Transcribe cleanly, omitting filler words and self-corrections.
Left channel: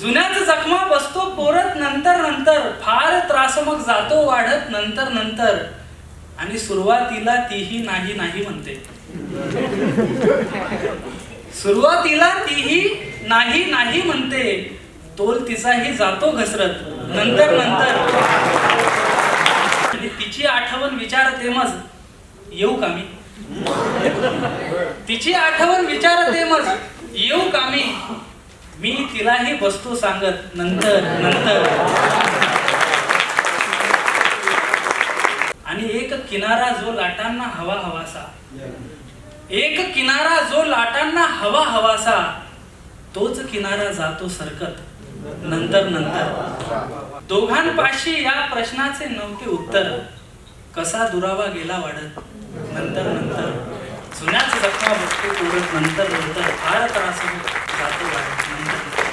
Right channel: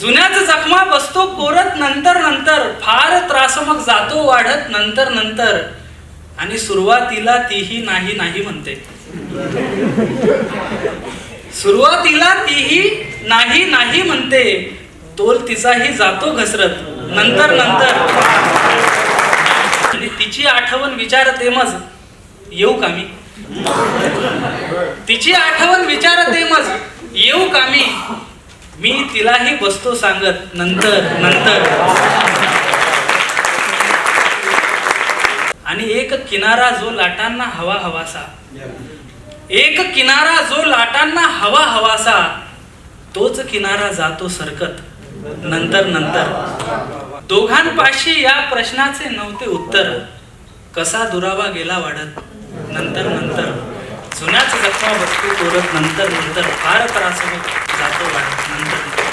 जुन्याच जखमा बसतो कोरत नंतर नंतर, फार त्रास मग जातो वाढत नंतर नंतर, आणि सुरुवातीला तीही नाही नाही म्हणते. सुरुवातीला तीही नाही नाही म्हणते, तोल तिचाही जातो घसरत नंतर नंतर. आणि तिची आठवण विचारते मज येऊ का मी, तिची आठवण विचारते मज येऊ का मी, मी तिलाही बसतो सांगत नंतर नंतर. आणि एक किनारा जो लाटांना हवा हवासा, एक किनारा जो लाटांना हवा हवासा, तोच किनारा जातो सरकत नंतर नंतर. दोघांपाशी या प्रश्नाचे नव्हते उत्तर, कसा दुरावा गेला वाढत नंतर नंतर. जुन्याच जखमा बसतो कोरत नंतर नंतर, फार त्रास जातो वाढत नंतर.